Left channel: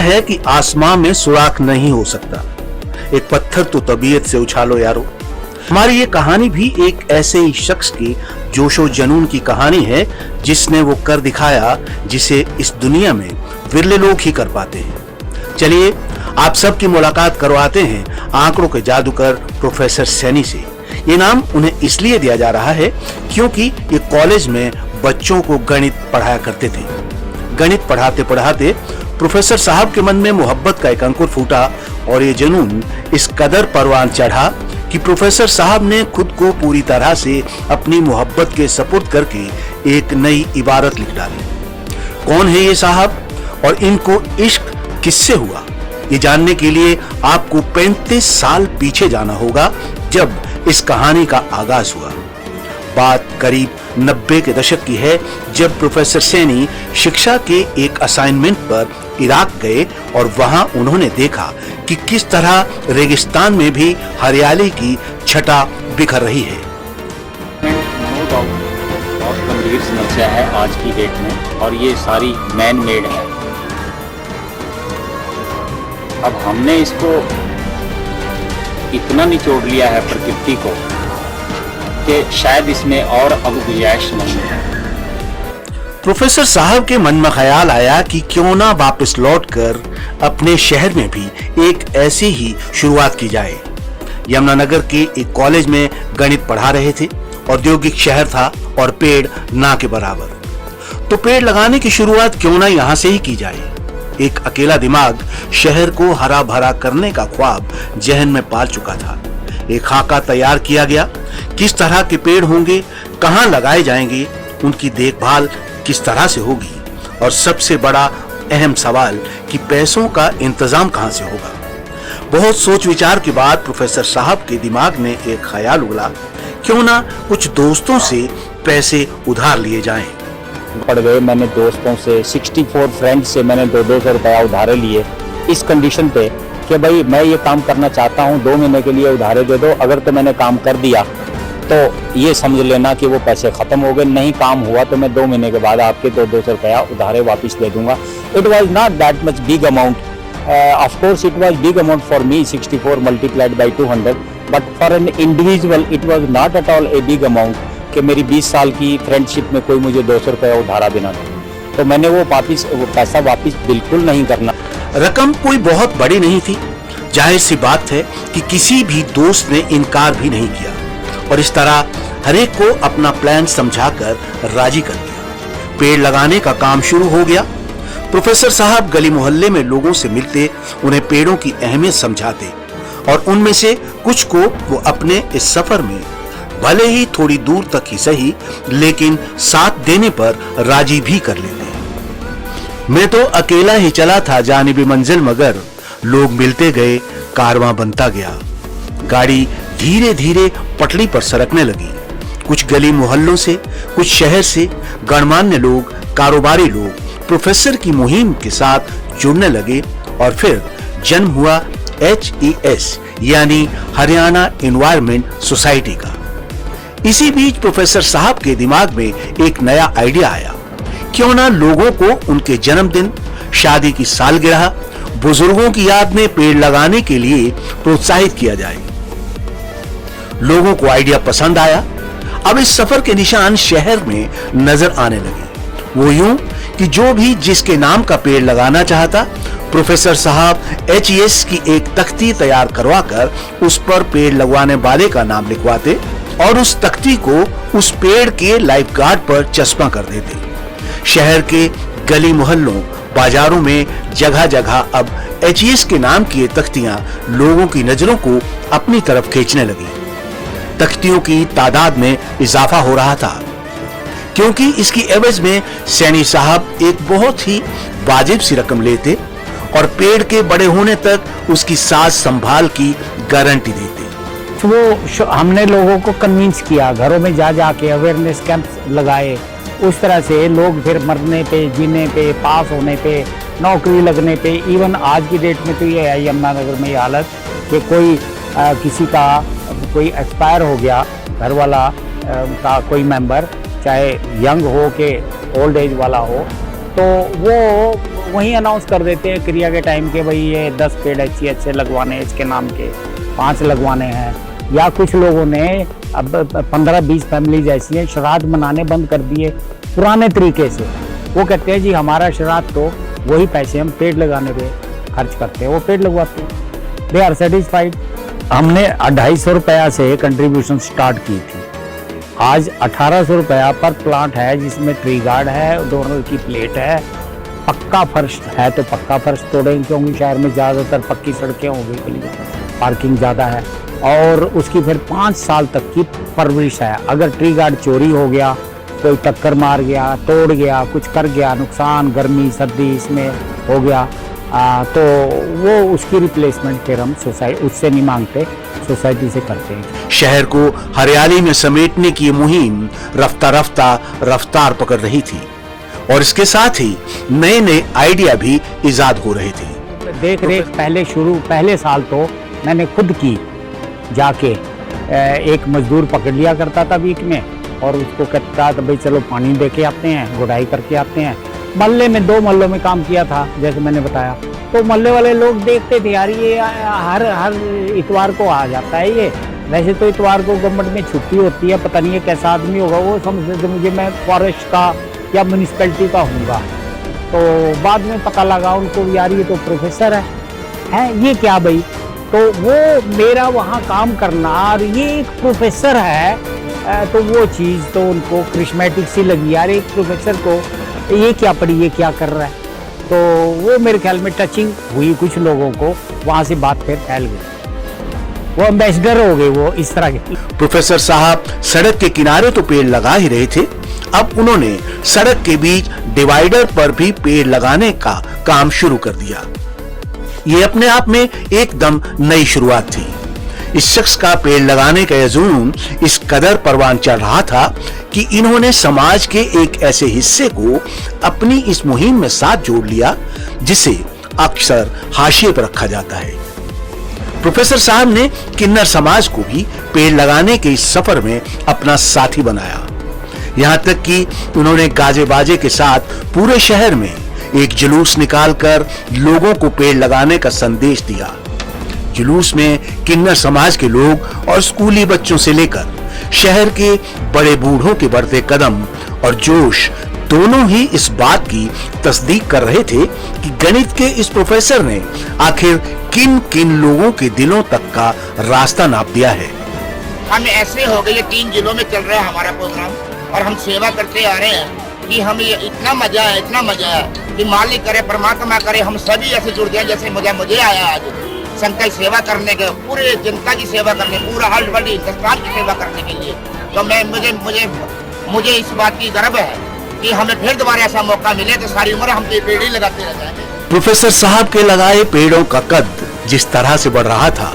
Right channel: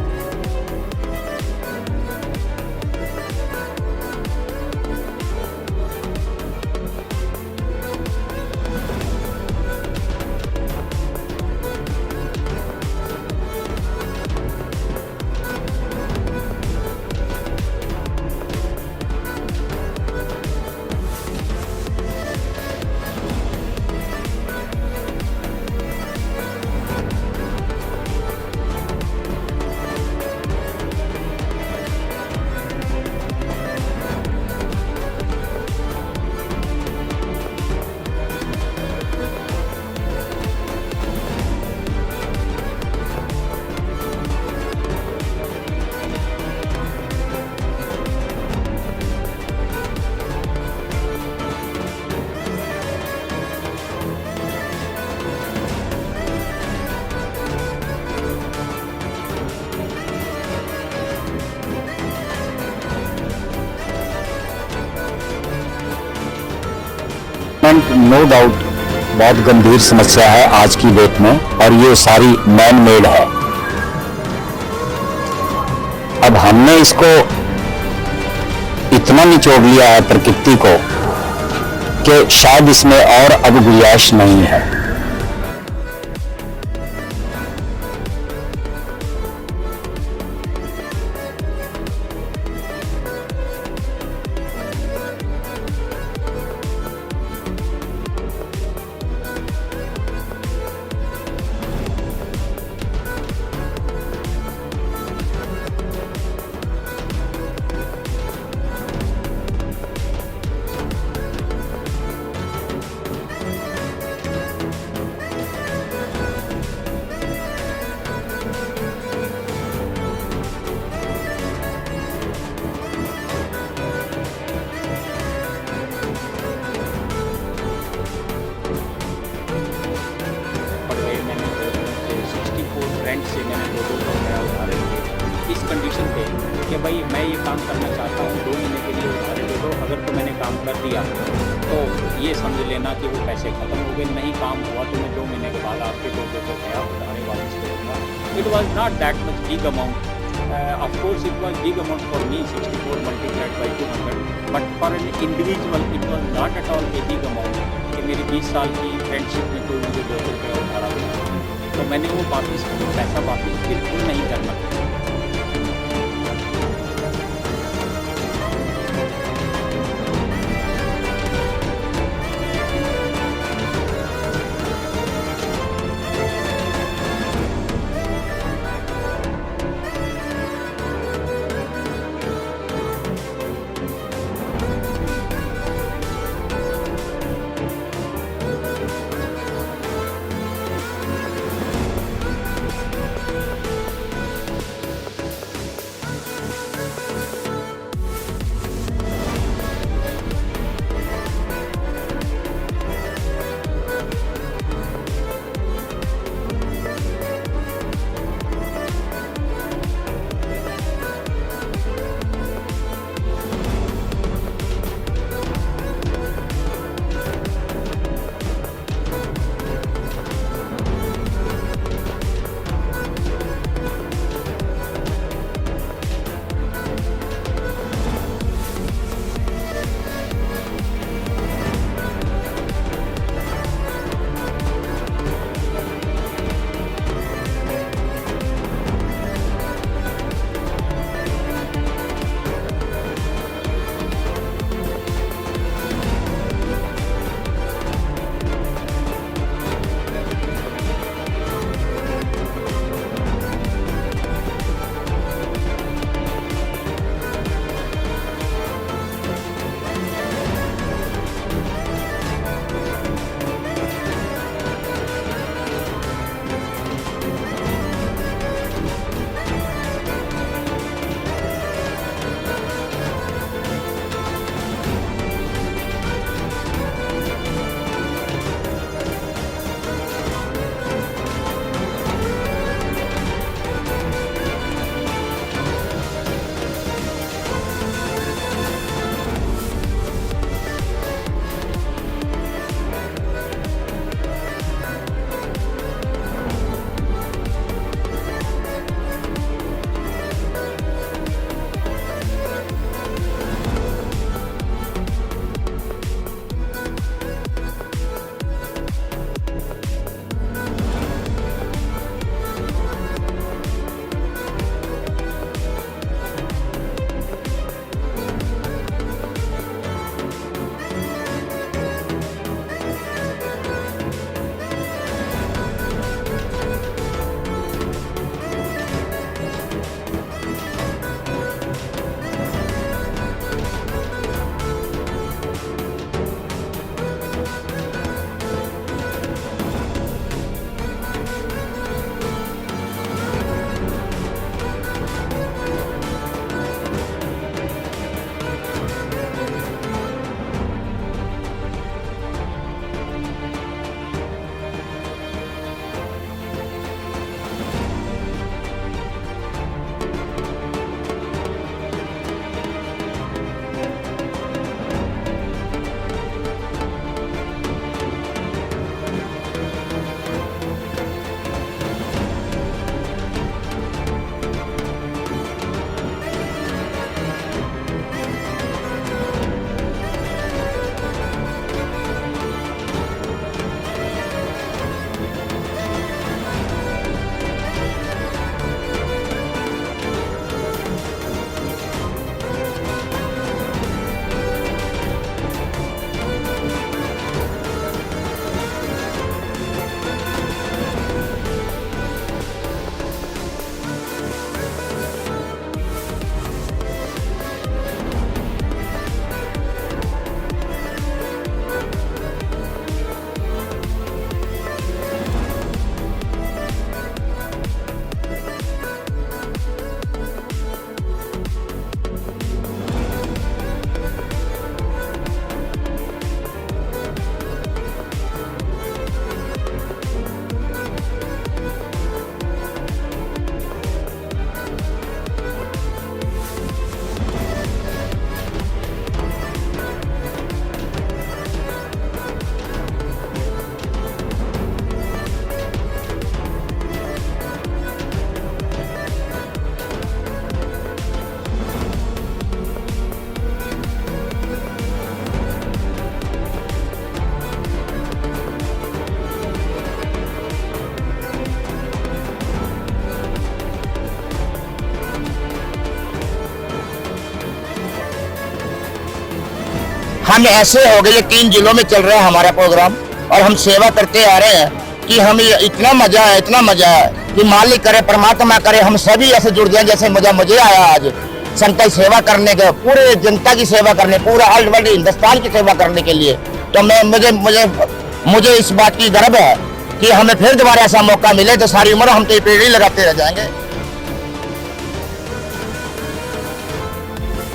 है कि आसमां में सुराख नहीं हो सकता, एक पत्थर तो तबीयत से उछालो यारो। हमारी ये कहानी भी एक ऐसे ही शख्स की जोशो जुनून की कहानी है जिसने वो कर दिखाया जिसे इस दुनिया में विरले लोग ही कर पाते हैं। चलिए आप सबकी मुलाकात करवाते हैं आंकड़ों के जादूगर प्रोफेसर सैनी से। ये नाम उन्हें इसलिए दिया जा रहा है क्योंकि ये कॉलेज में बच्चों को गणित पढ़ाया करते थे। गणित पढ़ाते पढ़ाते प्रोफेसर साहब के मन में मोहब्बत का एक अंकुर फूटा और ये जुनून इस कदर परवान चढ़ा कि प्रोफेसर साहब ने खुद को पूरी तरह से अपनी मोहब्बत के सपुर्द करके एक नई इबारत लिख डाली। कौन है ये साहब और इनको इश्क किससे हुआ, ये जानने के लिए आपको 35 साल पीछे जाना होगा जब इस कहानी का आगाज हुआ। बात करीब 90 के दशक की है जब प्रोफेसर सैनी शिक्षा के एक असाइनमेंट पर इराक गए और वहां उन्होंने देखा कि किस तरह रेगिस्तान में भी हरियाली की छटा बिखर रही है। नो डाउट बहुत गंभीर समस्या है आज की डेट में और ये सारी मैन मेड है। अब हमने इसको इतना निचोड़ लिया है प्रकृति को कि शायद इसमें और अब गुंजाइश नहीं है। प्रोफेसर साहब के मन में ख्याल आया कि क्यों ना वापस लौटकर अपने शहर में भी एक ऐसी ही शुरुआत की जाए। यमुनानगर के एक कॉलेज में गणित पढ़ा रहे थे। औद्योगिक शहर था और पेड़ ना के बराबर, तो पेड़ लगाने की शुरुआत क्यों ना यहाँ से ही की जाए। एक अकेला दिमाग शहर को हरा भरा करने का ख्वाब जहन में पाल चुका था। एक खाका तैयार किया गया, किस तरह के पेड़ होंगे, कहाँ लगाए जाएंगे, उनकी देखभाल किस तरह से होगी और सबसे बड़ा अहम सवाल कि पैसों का इंतजाम कहाँ से होगा। बहुत सोच विचार के बाद प्रोफेसर साहब के दिमाग में एक ख्याल उगला, क्यों ना कुछ दोस्तों से पैसे उधार लिए जाएं। पड़ गए मैंने दोस्तों से 64 फ्रेंड्स से मैंने 2-2 रुपया उधारे लिए इस कंडीशन पे कि भाई मैं ये काम करना चाहता हूँ, 2 महीने के लिए उधारे दे दो। अगर तो मैंने काम कर दिया तो ये समझ लेना कि वो पैसे ख़त्म हो गए, नहीं काम हुआ तो मैं 2 महीने के बाद आपके 200 रुपया उधारे वापस दे दूंगा। It was not that much big amount, of course it was big amount for me, 64 multiplied by 200, but for an individual it was not at all a big amount कि मेरी 20 साल की फ्रेंडशिप में कोई मुझे 200 रुपया उधारा देना था। तो मैंने वो पैसा वापस बिल्कुल नहीं करना। रकम कोई बहुत बड़ी नहीं थी, जाहिर सी बात है कि किसी भी दोस्त ने इनकार भी नहीं किया और इस तरह हरेक को अपना प्लान समझाकर राजी कर दिया। पेड़ लगाने का काम शुरू हो गया। प्रोफेसर साहब गली मोहल्ले में लोगों से मिलते, उन्हें पेड़ों की अहमियत समझाते और उनमें से कुछ को वो अपने इस सफर में भले ही थोड़ी दूर तक ही सही लेकिन साथ देने पर राजी भी कर लेते। मैं तो अकेला ही चला था जानिबे मंजिल, मगर लोग मिलते गए, कारवां बनता गया। गाड़ी धीरे धीरे पटरी पर सरकने लगी। कुछ गली मोहल्लों से, कुछ शहर से गणमान्य लोग, कारोबारी लोग प्रोफेसर की मुहिम के साथ जुड़ने लगे और फिर जन्म हुआ HES यानी हरियाणा एनवायरमेंट सोसाइटी का। इसी बीच प्रोफेसर साहब के दिमाग में एक नया आइडिया आया, क्यों ना लोगों को उनके जन्मदिन, शादी की सालगिरह, बुजुर्गों की याद में पेड़ लगाने के लिए प्रोत्साहित किया जाए। लोगों को आइडिया पसंद आया। अब इस सफर के निशान शहर में नजर आने लगे। वो यूं कि जो भी जिसके नाम का पेड़ लगाना चाहता, प्रोफेसर साहब HES की एक तख्ती तैयार करवाकर उस पर पेड़ लगवाने वाले का नाम लिखवाते और उस तख्ती को उस पेड़ के लाइफ गार्ड पर चस्पा कर देते। शहर के गली मोहल्लों, बाजारों में जगह जगह अब HES के नाम की तख्तियां लोगों की नजरों को अपनी तरफ खींचने लगी। तख्तियों की तादाद में इजाफा हो रहा था क्योंकि इसकी एवज में सैनी साहब एक बहुत ही वाजिब सी रकम लेते और पेड़ के बड़े होने तक उसकी साज संभाल की गारंटी देते। वो हमने लोगों को कन्विंस किया, घरों में जा जाके अवेयरनेस कैंप लगाए। उस तरह से लोग फिर मरने पे, जीने पे, पास होने पे, नौकरी लगने पे, इवन आज की डेट में तो ये है यमुनानगर में ये हालत कि कोई किसी का कोई एक्सपायर हो गया, घर वाला का कोई मेंबर, चाहे यंग हो के ओल्ड एज वाला हो, तो वो वहीं अनाउंस कर देते हैं क्रिया के टाइम के, भाई ये 10 पेड़ अच्छे लगवाने हैं, इसके नाम के 5 लगवाने हैं। या कुछ लोगों ने अब 15-20 फैमिली ऐसी हैं श्राद्ध मनाने बंद कर दिए पुराने तरीके से। वो कहते हैं जी हमारा श्राद्ध तो वही पैसे हम पेड़ लगाने पे खर्च करते हैं, वो पेड़ लगवाते हैं, दे आर सेटिस्फाइड। हमने 250 रुपया से कंट्रीब्यूशन स्टार्ट की थी, आज 1800 रुपया पर प्लांट है, जिसमें ट्री गार्ड है, दोनों की प्लेट है, पक्का फर्श है तो पक्का फर्श तोड़ेंगे क्योंकि शहर में ज़्यादातर पक्की सड़कें होंगी, पार्किंग ज़्यादा है। और उसकी फिर 5 साल तक की परवरिश है। अगर ट्री गार्ड चोरी हो गया, कोई टक्कर मार गया, तोड़ गया, कुछ कर गया, नुकसान गर्मी सर्दी इसमें हो गया, तो वो उसकी रिप्लेसमेंट फिर हम सोसाइटी उससे नहीं मांगते, सोसाइटी से करते हैं। शहर को हरियाली में समेटने की ये मुहिम रफ्तार पकड़ रही थी और इसके साथ ही नए नए आइडिया भी इजाद हो रहे थे। देख रेख पहले साल तो मैंने खुद की, जाके एक मजदूर पकड़ लिया करता था वीक में और उसको कहता था भाई चलो पानी दे के आते हैं, गुड़ाई करके आते हैं। मोहल्ले में 2 मोहल्लों में काम किया था जैसे मैंने बताया, तो मोहल्ले वाले लोग देखते थे यार ये हर इतवार को आ जाता है ये। वैसे तो इतवार को गवर्नमेंट में छुट्टी होती है, पता नहीं है कैसा आदमी होगा वो, समझ मुझे मैं फॉरेस्ट का या म्यूनिसिपैलिटी का होगा। तो बाद में पता लगा उनको यार ये तो प्रोफेसर है ये क्या भाई, तो वो मेरा वहाँ काम करना और ये एक प्रोफेसर है, तो वो चीज़ तो उनको क्रिस्मेटिक सी लगी यार, एक प्रोफेसर को ये क्या पड़ी, ये क्या कर रहा है। तो वो मेरे ख्याल में टचिंग हुई कुछ लोगों को, वहाँ से बात फिर फैल गई, वो एम्बेसडर हो गए वो इस तरह के। प्रोफेसर साहब सड़क के किनारे तो पेड़ लगा ही रहे थे, अब उन्होंने सड़क के बीच डिवाइडर पर भी पेड़ लगाने का काम शुरू कर दिया। ये अपने आप में एकदम नई शुरुआत थी। इस शख्स का पेड़ लगाने का जुनून इस कदर परवान चढ़ रहा था कि इन्होंने समाज के एक ऐसे हिस्से को अपनी इस मुहिम में साथ जोड़ लिया जिसे अक्सर हाशिए पर रखा जाता है। प्रोफेसर साहब ने किन्नर समाज को भी पेड़ लगाने के इस सफर में अपना साथी बनाया। यहाँ तक कि उन्होंने गाजे बाजे के साथ पूरे शहर में एक जुलूस निकालकर लोगों को पेड़ लगाने का संदेश दिया। जुलूस में किन्नर समाज के लोग और स्कूली बच्चों से लेकर शहर के बड़े बूढ़ों के बढ़ते कदम और जोश दोनों ही इस बात की तस्दीक कर रहे थे कि गणित के इस प्रोफेसर ने आखिर किन किन लोगों के दिलों तक का रास्ता नाप दिया है। हम ऐसे हो गए, 3 जिलों में चल रहा है हमारा प्रोग्राम और हम सेवा करते आ रहे हैं कि हमें इतना मजा है कि मालिक करे, परमात्मा करे, हम सभी ऐसे जुड़ जाए जैसे मुझे आया आज संकल्प सेवा करने के, पूरे जनता की सेवा करने, पूरा ऑल वर्ल्ड हिंदुस्तान की सेवा करने के लिए। तो मुझे इस बात की गर्व है कि हमें फिर दोबारा ऐसा मौका मिले तो सारी उम्र हम तो पेड़ ही लगाते रह जाएंगे। प्रोफेसर साहब के लगाए पेड़ों का कद जिस तरह से बढ़ रहा था,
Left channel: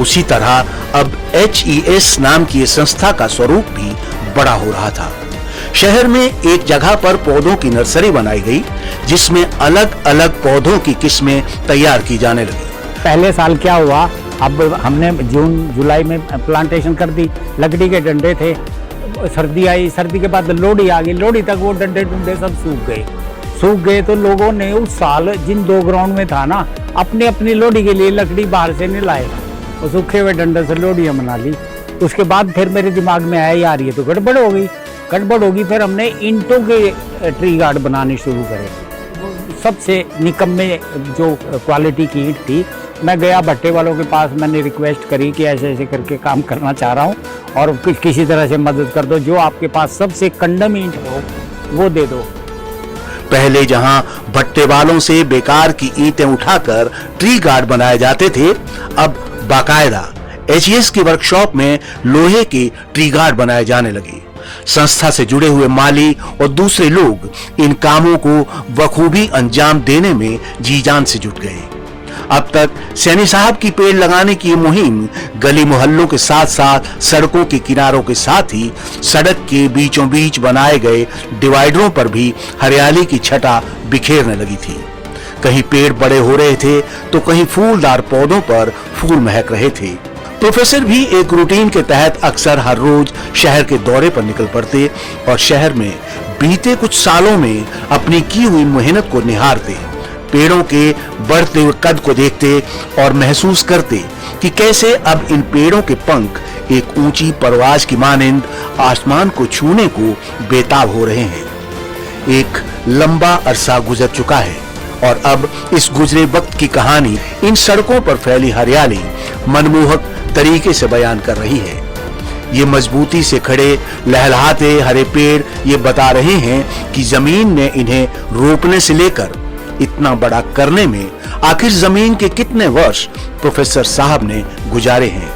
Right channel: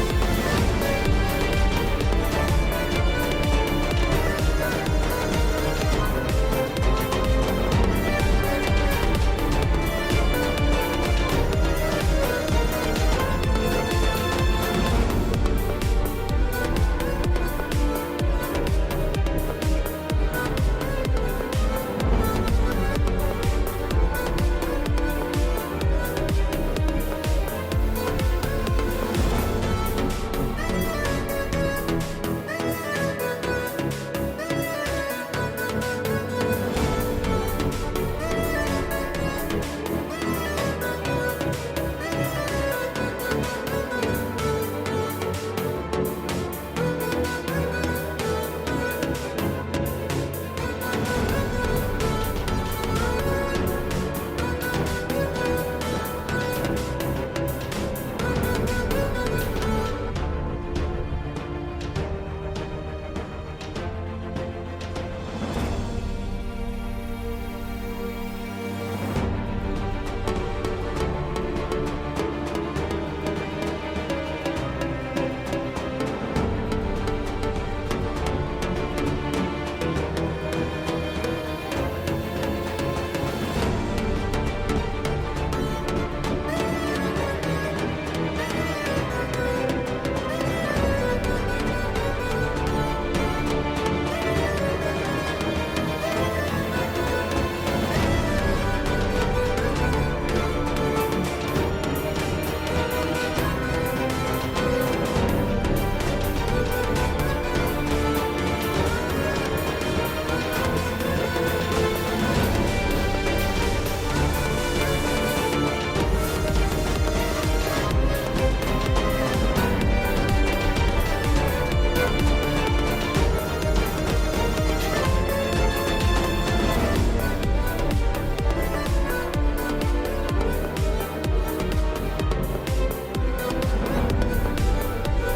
उसी तरह अब HES नाम की संस्था का स्वरूप भी बड़ा हो रहा था। शहर में एक जगह पर पौधों की नर्सरी बनाई गई जिसमें अलग अलग पौधों की किस्में तैयार की जाने लगी। पहले साल क्या हुआ, अब हमने जून जुलाई में प्लांटेशन कर दी, लकड़ी के डंडे थे, सर्दी आई, सर्दी के बाद लोहड़ी आ गई, लोहड़ी तक वो डंडे डुंडे सब सूख गए। तो लोगों ने उस साल जिन 2 ग्राउंड में था ना, अपने अपनी लोहड़ी के लिए लकड़ी बाहर से नहीं लाए, तो सूखे हुए डंडे से लोहड़ियाँ मना ली। उसके बाद फिर मेरे दिमाग में आया यार ये तो गड़बड़ होगी, फिर हमने ईंटों के ट्री गार्ड बनाने शुरू करे। सबसे निकम्मे जो क्वालिटी की ईंट थी, मैं गया भट्टे वालों के पास, मैंने रिक्वेस्ट करी कि ऐसे ऐसे करके काम करना चाह रहा हूँ और किसी तरह से मदद कर दो, जो आपके पास सबसे कंडम ईंट हो वो दे दो। पहले जहां भट्टे वालों से बेकार की ईंटें उठाकर ट्री गार्ड बनाए जाते थे, अब बाकायदा HES की वर्कशॉप में लोहे के ट्री गार्ड बनाए जाने लगे। संस्था से जुड़े हुए माली और दूसरे लोग इन कामों को बखूबी अंजाम देने में जी जान से जुट गए। अब तक सैनी साहब की पेड़ लगाने की मुहिम गली मोहल्लों के साथ साथ सड़कों के किनारों के साथ ही सड़क के बीचों बीच बनाए गए डिवाइडरों पर भी हरियाली की छटा बिखेरने लगी थी। कहीं पेड़ बड़े हो रहे थे तो कहीं फूलदार पौधों पर फूल महक रहे थे। प्रोफेसर भी एक रूटीन के तहत अक्सर हर रोज शहर के दौरे पर निकल पड़ते और शहर में बीते कुछ सालों में अपनी की हुई मेहनत को निहारते, पेड़ों के बढ़ते हुए कद को देखते और महसूस करते कि कैसे अब इन पेड़ों के पंख एक ऊंची परवाज की मानिंद आसमान को छूने को बेताब हो रहे हैं। एक लंबा अरसा गुजर चुका है और अब इस गुजरे वक्त की कहानी इन सड़कों पर फैली हरियाली मनमोहक तरीके से बयान कर रही है। ये मजबूती से खड़े लहलहाते हरे पेड़ ये बता रहे हैं कि जमीन ने इन्हें रोपने से लेकर इतना बड़ा करने में आखिर जमीन के कितने वर्ष प्रोफेसर साहब ने गुजारे हैं।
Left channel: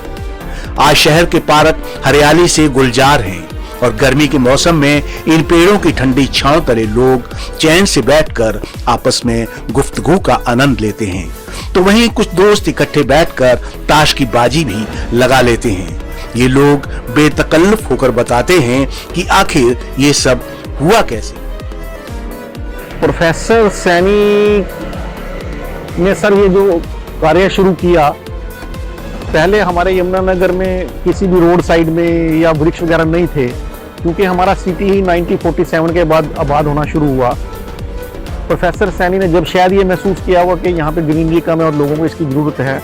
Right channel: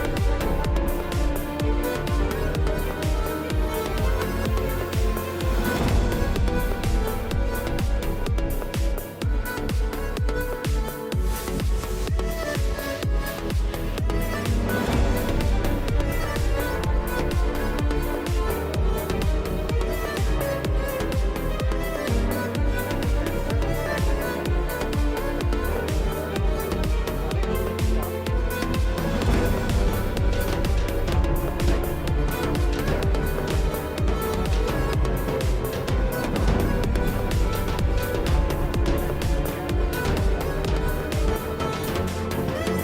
आज शहर के पार्क हरियाली से गुलजार हैं और गर्मी के मौसम में इन पेड़ों की ठंडी छांव तले लोग चैन से बैठकर आपस में गुफ्तगू का आनंद लेते हैं, तो वहीं कुछ दोस्त इकट्ठे बैठकर ताश की बाजी भी लगा लेते हैं। ये लोग बेतकल्लुफ होकर बताते हैं कि आखिर ये सब हुआ कैसे। प्रोफेसर सैनी ने सर ये जो कार्य शुरू किया, पहले हमारे यमुनानगर में किसी भी रोड साइड में या वृक्ष वगैरह नहीं थे, क्योंकि हमारा सिटी ही 1947 के बाद आबाद होना शुरू हुआ। प्रोफेसर सैनी ने जब शायद ये महसूस किया हुआ कि यहाँ पे ग्रीनरी कम है और लोगों को इसकी ज़रूरत है,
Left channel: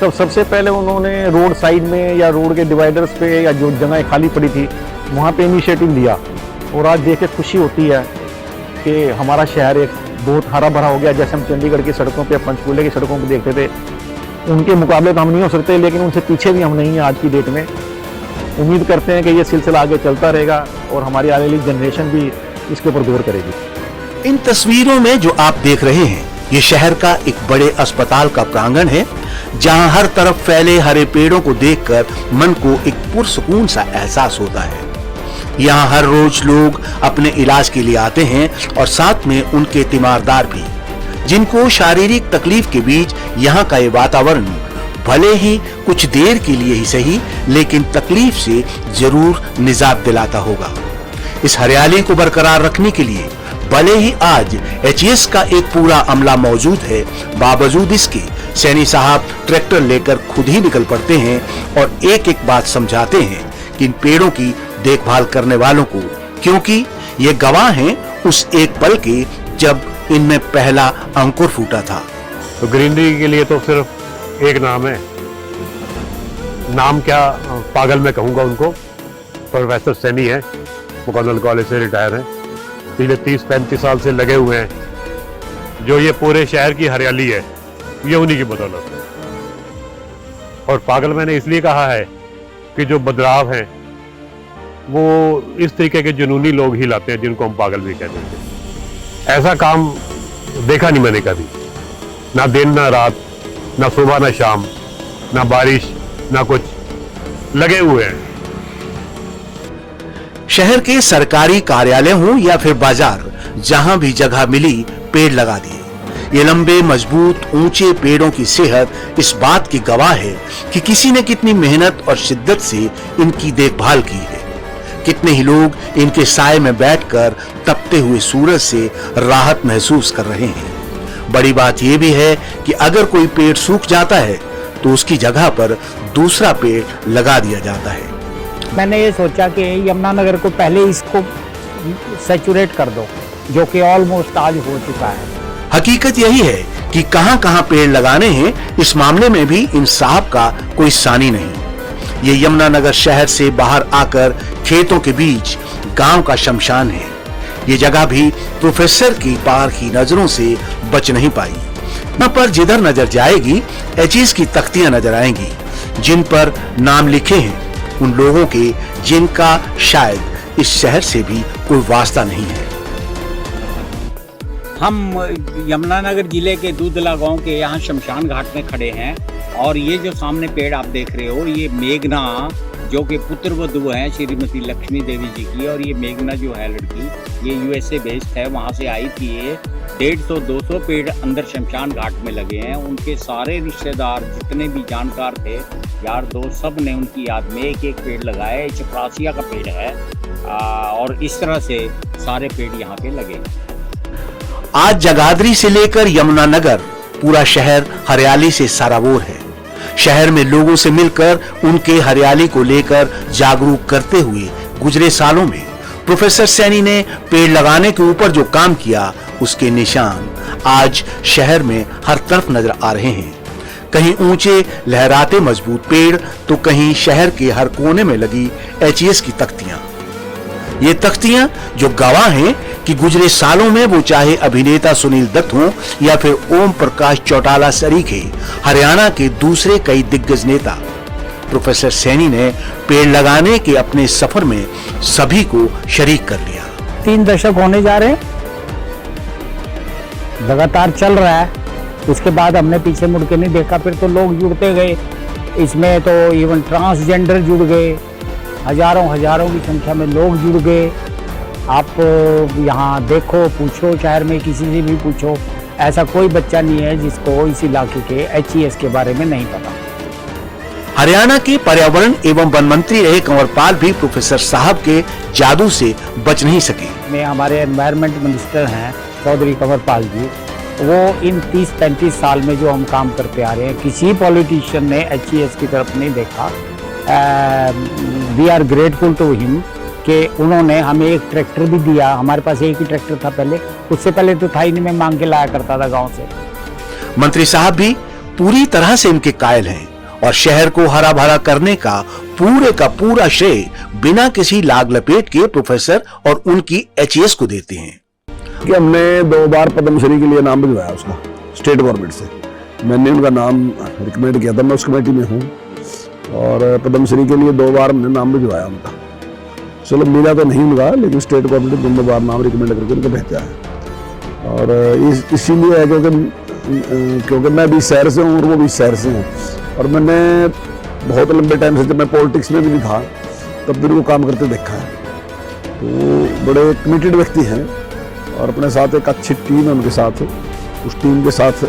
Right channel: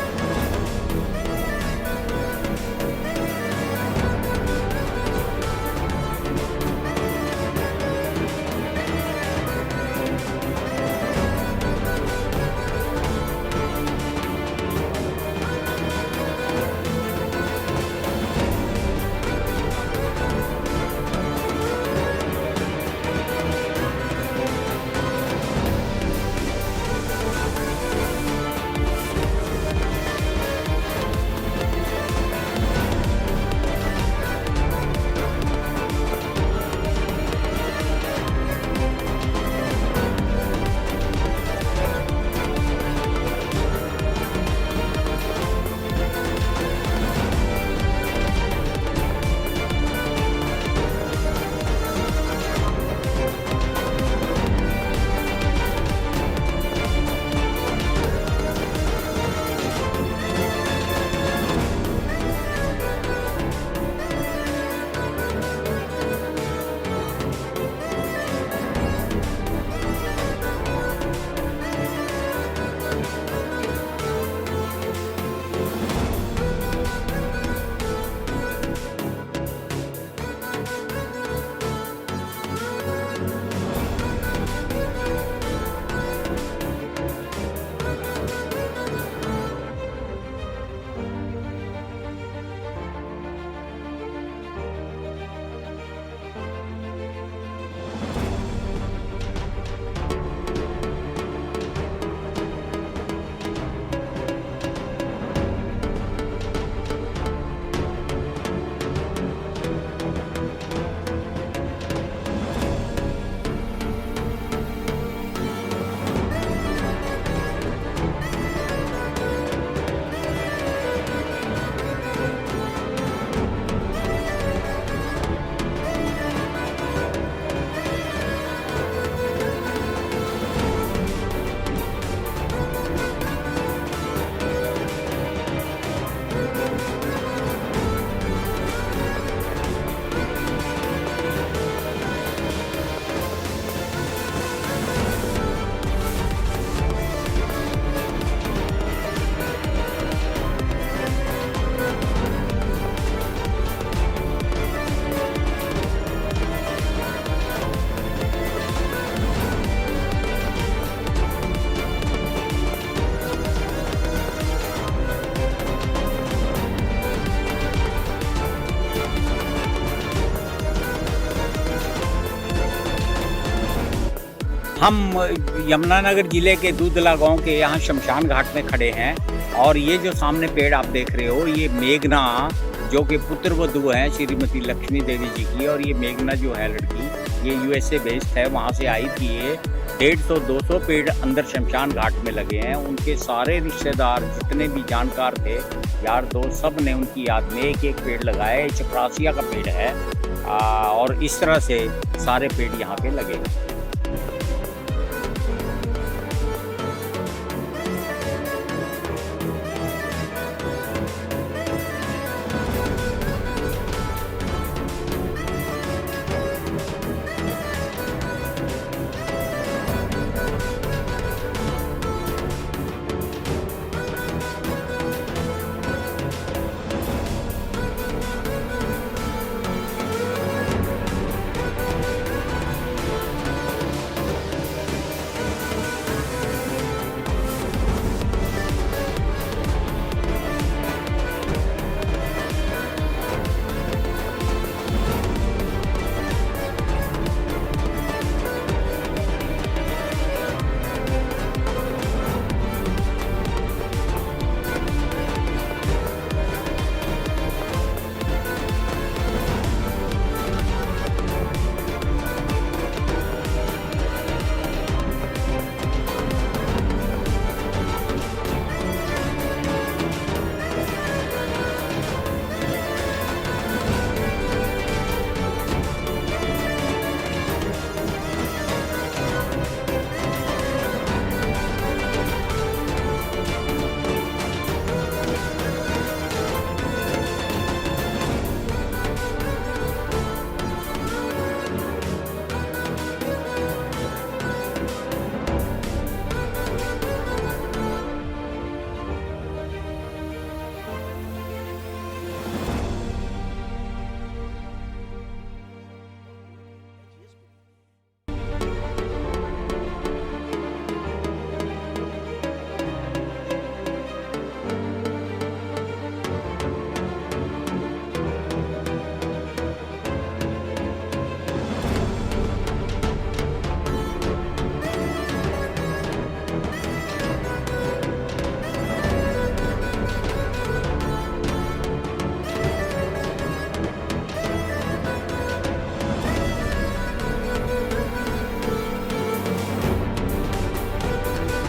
तब सबसे पहले उन्होंने रोड साइड में या रोड के डिवाइडर्स पे या जो जगह खाली पड़ी थी वहाँ पे इनिशिएटिव लिया। और आज देख के खुशी होती है कि हमारा शहर एक बहुत हरा भरा हो गया। जैसे हम चंडीगढ़ की सड़कों पे, पंचकूले की सड़कों पे देखते थे, उनके मुकाबले तो हम नहीं हो सकते, लेकिन उनसे पीछे भी हम नहीं हैं आज की डेट में। उम्मीद करते हैं कि ये सिलसिला आगे चलता रहेगा और हमारी आने वाली जनरेशन भी इसके ऊपर गौर करेगी। इन तस्वीरों में जो आप देख रहे हैं, ये शहर का एक बड़े अस्पताल का प्रांगण है, जहां हर तरफ फैले हरे पेड़ों को देखकर मन को एक पुरसुकून सा एहसास होता है। यहाँ हर रोज लोग अपने इलाज के लिए आते हैं और साथ में उनके तीमारदार भी, जिनको शारीरिक तकलीफ के बीच यहाँ का ये वातावरण भले ही कुछ देर के लिए ही सही, लेकिन तकलीफ से जरूर निजात दिलाता होगा। इस हरियाली को बरकरार रखने के लिए भले ही आज एचईएस का एक पूरा अमला मौजूद है, बावजूद इसके सैनी साहब ट्रैक्टर लेकर खुद ही निकल पड़ते हैं और एक एक बात समझाते हैं कि इन पेड़ों की देखभाल करने वालों को, क्योंकि ये गवाह हैं उस एक पल के जब इनमें पहला अंकुर फूटा था। तो ग्रीनरी के लिए तो सिर्फ एक नाम है, नाम क्या पागल मैं कहूँगा उनको। प्रोफेसर सैनी है, मुकम्मल कॉलेज से रिटायर है, पिछले 30-35 साल से लगे हुए हैं। जो ये पूरे शहर की हरियाली है ये उन्हीं की बदौलत है। और पागल मैंने इसलिए कहा है कि जो बदलाव हैं वो इस तरीके के जुनूनी लोग ही लाते हैं जिनको हम पागल भी कहते हैं। ऐसा काम देखा नहीं मैंने कभी, ना दिन ना रात, ना सुबह ना शाम, ना बारिश ना कुछ, लगे हुए हैं। शहर के सरकारी कार्यालय हों या फिर बाजार, जहां भी जगह मिली पेड़ लगा दिए। ये लंबे मजबूत ऊंचे पेड़ों की सेहत इस बात की गवाह है कि किसी ने कितनी मेहनत और शिद्दत से इनकी देखभाल की है। कितने ही लोग इनके साए में बैठकर तपते हुए सूरज से राहत महसूस कर रहे हैं। बड़ी बात यह भी है कि अगर कोई पेड़ सूख जाता है तो उसकी जगह पर दूसरा पेड़ लगा दिया जाता है। मैंने ये सोचा कि यमुनानगर को पहले इसको सैचुरेट कर दो, जो कि ऑलमोस्ट आज हो चुका है। हकीकत यही है कि कहां-कहां पेड़ लगाने हैं, इस मामले में भी इंसाफ का कोई सानी नहीं। ये यमुनानगर शहर से बाहर आकर खेतों के बीच गांव का शमशान है। ये जगह भी प्रोफेसर की पार की नजरों से बच नहीं पाई। न पर जिधर नजर जाएगी एचईएस की तख्तियां नजर आएंगी, जिन पर नाम लिखे हैं उन लोगों के जिनका शायद इस शहर से भी कोई वास्ता नहीं है। हम यमुनानगर जिले के दूधला गांव के यहाँ शमशान घाट में खड़े हैं और ये जो सामने पेड़ आप देख रहे हो, ये मेघना जो कि पुत्र वधू हैं श्रीमती लक्ष्मी देवी जी की, और ये मेघना जो है लड़की, ये यूएसए बेस्ड है, वहाँ से आई थी। ये 150-200 पेड़ अंदर शमशान घाट में लगे हैं। उनके सारे रिश्तेदार जितने भी जानकार थे, यार दोस्त, सब ने उनकी याद में एक एक पेड़ लगाया। चपरासिया का पेड़ है और इस तरह से सारे पेड़ यहाँ पे लगे। आज जगाधरी से लेकर यमुनानगर पूरा शहर हरियाली से सराबोर है। शहर में लोगों से मिलकर उनके हरियाली को लेकर जागरूक करते हुए गुजरे सालों में प्रोफेसर सैनी ने पेड़ लगाने के ऊपर जो काम किया, उसके निशान आज शहर में हर तरफ नजर आ रहे हैं। कहीं ऊंचे लहराते मजबूत पेड़ तो कहीं शहर के हर कोने में लगी HES की तख्तियां। ये तख्तियां जो गवाह हैं कि गुजरे सालों में वो चाहे अभिनेता सुनील दत्त हों या फिर ओम प्रकाश चौटाला सरीखे, हरियाणा के दूसरे कई दिग्गज नेता, प्रोफेसर सैनी ने पेड़ लगाने के अपने सफर में सभी को शरीक कर लिया। 3 दशक होने जा रहे हैं, लगातार चल रहा है। उसके बाद हमने पीछे मुड़ के नहीं देखा, फिर तो लोग जुड़ते गए। इसमें तो इवन ट्रांसजेंडर जुड़ गए, हजारों की संख्या में लोग जुड़ गए। आप यहाँ देखो, पूछो, शहर में किसी से भी पूछो, ऐसा कोई बच्चा नहीं है जिसको इस इलाके के HES के बारे में नहीं पता। हरियाणा के पर्यावरण एवं वन मंत्री रहे कंवरपाल भी प्रोफेसर साहब के जादू से बच नहीं सके। में हमारे एनवायरनमेंट मिनिस्टर हैं चौधरी कंवरपाल जी, वो इन 30-35 साल में जो हम काम करते आ रहे हैं, किसी पॉलिटिशियन ने HES की तरफ नहीं देखा। We are grateful to him कि उन्होंने हमें एक ट्रैक्टर भी दिया। हमारे पास एक ही ट्रैक्टर था पहले, उससे पहले तो था ही नहीं, मैं मांग के लाया करता था गांव से। मंत्री साहब भी पूरी तरह से इनके कायल हैं और शहर को हरा भरा करने का पूरा श्रेय बिना किसी लाग लपेट के प्रोफेसर और उनकी HES को देते हैं। कि हमने 2 बार पद्मश्री के लिए नाम भिजवाया उसको स्टेट गवर्नमेंट से। मैंने उनका नाम रिकमेंड किया था, मैं उस कमेटी में हूँ, और पद्मश्री के लिए 2 बार हमने नाम भिजवाया उनका। चलो मिला तो नहीं मिला, लेकिन स्टेट गवर्नमेंट ने 2 बार नाम रिकमेंड करके उनको भेजा है। और इसीलिए है क्योंकि मैं भी शहर से हूँ और वो भी शहर से हूँ, और मैंने बहुत लंबे टाइम से, जब मैं पॉलिटिक्स में भी नहीं था तब भी वो काम करते देखा है। वो बड़े कमिटेड व्यक्ति हैं और अपने साथ एक अच्छी टीम है उनके साथ, उस टीम के साथ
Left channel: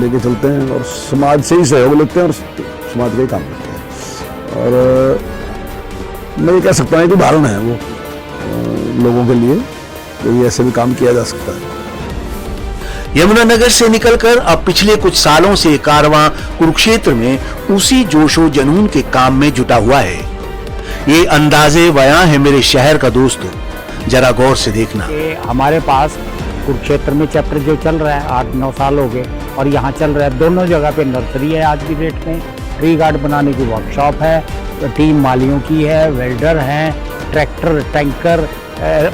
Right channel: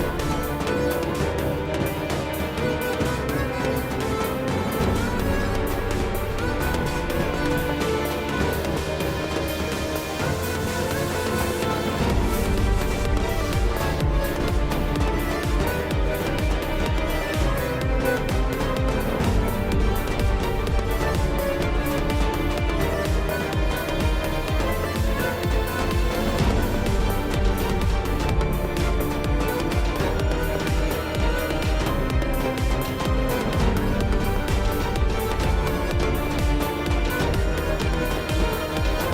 लेके चलते हैं और समाज से ही सहयोग लेते हैं और समाज के काम करते हैं। और मैं ये कह सकता हूँ कि उदाहरण है वो लोगों के लिए, तो ये ऐसे भी काम किया जा सकता है। यमुनानगर से निकलकर अब पिछले कुछ सालों से कारवां कुरुक्षेत्र में उसी जोशो जुनून के काम में जुटा हुआ है। ये अंदाजे बयां है मेरे शहर का दोस्तों, जरा गौर से देखना। हमारे पास कुरुक्षेत्र में चैप्टर जो चल रहा है 8-9 साल हो गए, और यहाँ चल रहा है दोनों जगह पे नर्सरी है। आज की डेट में ट्री गार्ड बनाने की वर्कशॉप है, टीम मालियों की है, वेल्डर हैं, tractor, tanker,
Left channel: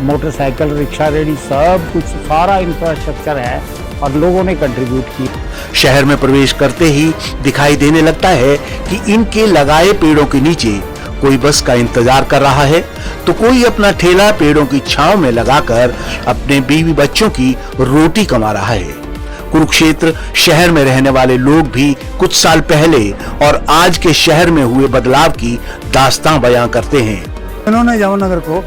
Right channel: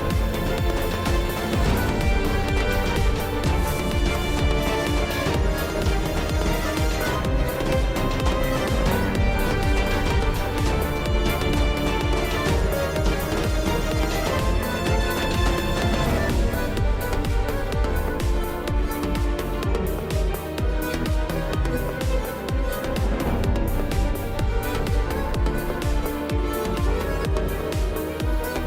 motorcycle, rickshaw ready, सब कुछ, सारा इंफ्रास्ट्रक्चर है और लोगों ने कंट्रीब्यूट की। शहर में प्रवेश करते ही दिखाई देने लगता है कि इनके लगाए पेड़ों के नीचे कोई बस का इंतजार कर रहा है, तो कोई अपना ठेला पेड़ों की छांव में लगाकर अपने बीवी बच्चों की रोटी कमा रहा है। कुरुक्षेत्र शहर में रहने वाले लोग भी कुछ साल पहले और आज के शहर में हुए बदलाव की दास्तां बयां करते हैं। इन्होंने यमुनानगर को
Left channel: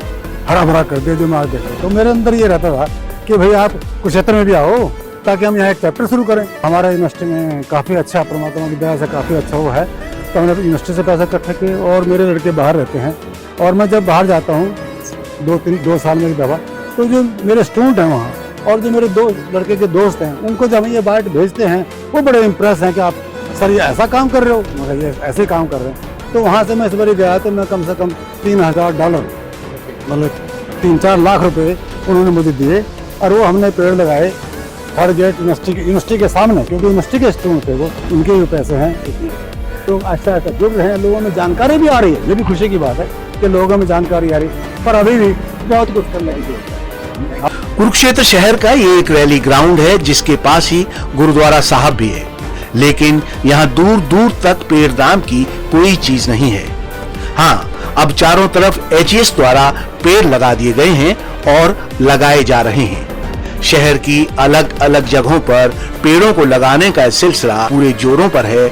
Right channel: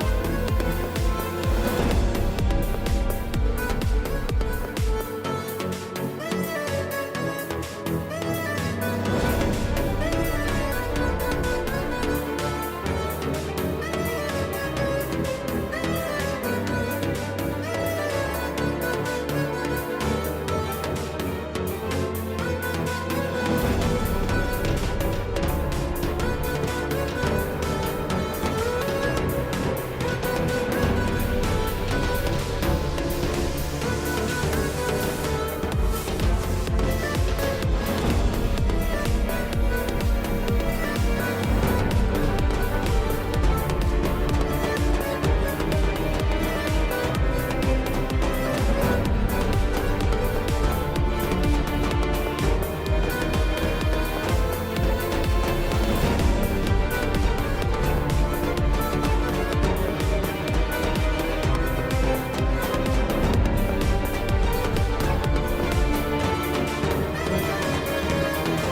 हरा भरा कर दिया दिमाग के, तो मेरे अंदर ये रहता था कि भाई आप कुरुक्षेत्र में भी आओ ताकि हम यहाँ एक चैप्टर शुरू करें। हमारा यूनिवर्सिटी में काफ़ी अच्छा, परमात्मा की दया से काफ़ी अच्छा वो है, तो हमने यूनिवर्सिटी से पैसा इकट्ठा किए। और मेरे लड़के बाहर रहते हैं, और मैं जब बाहर जाता हूँ 2 साल में दवा, तो जो मेरे स्टूडेंट हैं वहाँ और जो मेरे 2 लड़के के दोस्त हैं, उनको जब ये बाइट भेजते हैं, वो बड़े इम्प्रेस हैं कि आप सर ये ऐसा काम कर रहे हो, ये ऐसे काम कर रहे हैं। तो वहाँ से मैं इस बार गया तो मैं कम से कम $3000 मतलब 3-4 लाख रुपए उन्होंने मुझे दिए, और वो हमने पेड़ लगाए हर गेट यूनिवर्सिटी के सामने, क्योंकि यूनिवर्सिटी के स्टूडेंट थे वो, उनके भी पैसे हैं। तो अच्छा जुड़ रहे हैं, लोगों में जानकारी भी आ रही है, ये भी खुशी की बात है कि लोगों में जानकारी आ रही है, पर अभी भी बहुत कुछ करना है। कुरुक्षेत्र शहर का ये एक रैली ग्राउंड है जिसके पास ही गुरुद्वारा साहब भी है, लेकिन यहाँ दूर दूर तक पेड़दान की कोई चीज नहीं है। हाँ, अब चारों तरफ HES द्वारा पेड़ लगा दिए गए हैं और लगाए जा रहे हैं। शहर की अलग अलग जगहों पर पेड़ों को लगाने का सिलसिला पूरे जोरों पर है।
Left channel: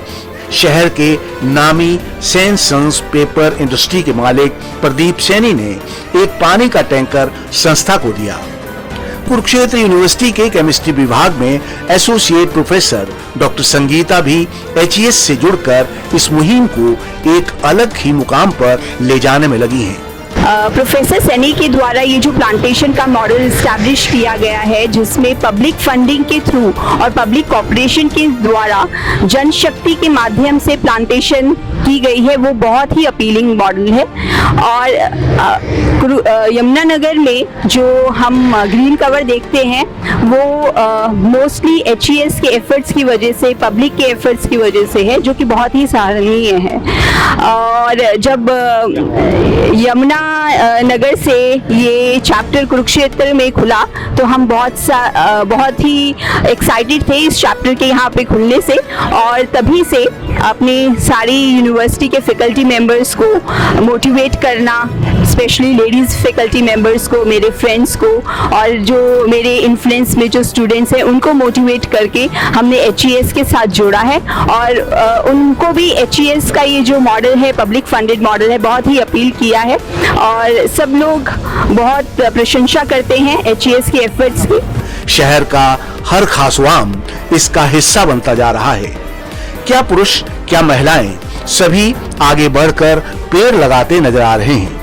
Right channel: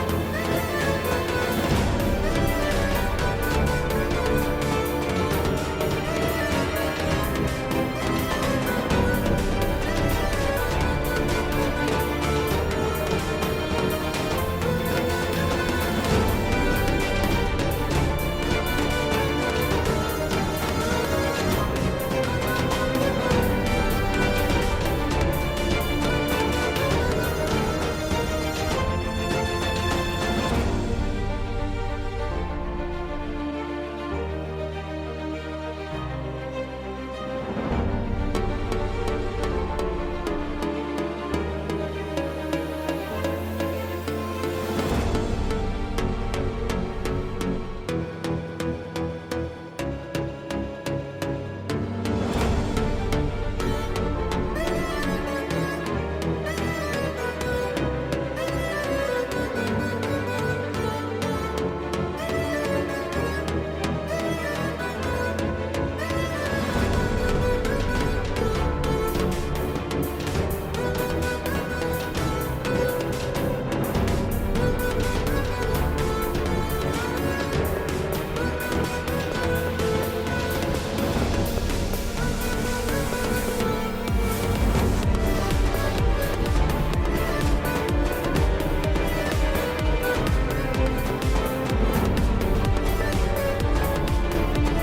शहर के नामी सेंसन्स पेपर इंडस्ट्री के मालिक प्रदीप सैनी ने एक पानी का टैंकर संस्था को दिया। कुरुक्षेत्र यूनिवर्सिटी के केमिस्ट्री विभाग में एसोसिएट प्रोफेसर डॉक्टर संगीता भी HES से जुड़कर इस मुहिम को एक अलग ही मुकाम पर ले जाने में लगी है। प्रोफेसर सैनी के द्वारा ये जो प्लांटेशन का मॉडल इस्टेब्लिश किया गया है, जिसमें पब्लिक फंडिंग के थ्रू और पब्लिक कॉर्पोरेशन के द्वारा जनशक्ति के माध्यम से प्लांटेशन की गई है वो बहुत ही अपीलिंग मॉडल है। और यमुनानगर में जो हम ग्रीन कवर देखते हैं वो मोस्टली HES के एफर्ट्स की वजह से, पब्लिक के एफर्ट्स की वजह से है, जो कि बहुत ही सराहनीय है। और जब यमुना नगर से ये चैप्टर कुरुक्षेत्र में खुला तो हम बहुत ही एक्साइटेड थे इस चैप्टर के यहाँ पे खुलने से, और तभी से अपनी सारी यूनिवर्सिटी के फैकल्टी मेंबर्स को मोटिवेट करना, स्पेशली लेडीज़ फैकल्टी मेंबर्स को, मेरे फ्रेंड्स को, और जो मेरे इन्फ्लुएंस में जो स्टूडेंट्स हैं उनको मोटिवेट करके हमने HES के साथ जोड़ा है। और उनको भी HES का ये जो मॉडल है, पब्लिक फंडेड मॉडल है, बहुत ही अपील किया है और सब लोग बहुत प्रशंसा करते हैं HES के एफर्ट्स की। शहर का हर खासवाम इसका हिस्सा बनता जा रहा है। क्या पुरुष, क्या महिलाएं, सभी आगे बढ़कर पेड़ लगाते नजर आ रहे हैं।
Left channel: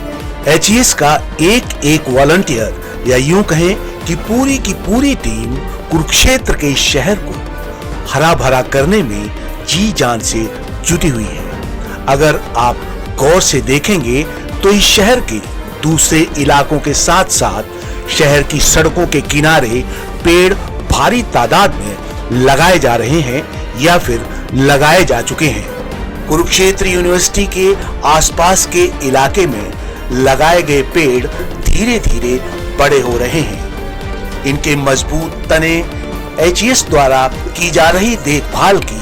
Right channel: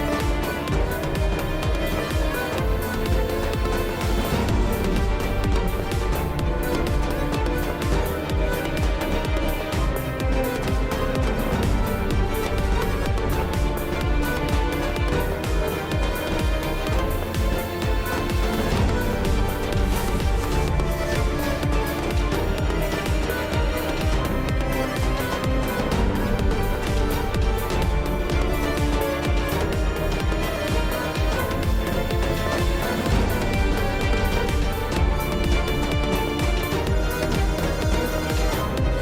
HES का एक एक वॉलंटियर या यूं कहें कि पूरी की पूरी टीम कुरुक्षेत्र के शहर को हरा भरा करने में जी जान से जुटी हुई है। अगर आप गौर से देखेंगे तो इस शहर के दूसरे इलाकों के साथ साथ शहर की सड़कों के किनारे पेड़ भारी तादाद में लगाए जा रहे हैं या फिर लगाए जा चुके हैं। कुरुक्षेत्र यूनिवर्सिटी के आसपास के इलाके में लगाए गए पेड़ धीरे धीरे बड़े हो रहे हैं। इनके मजबूत तने HES द्वारा की जा रही देखभाल की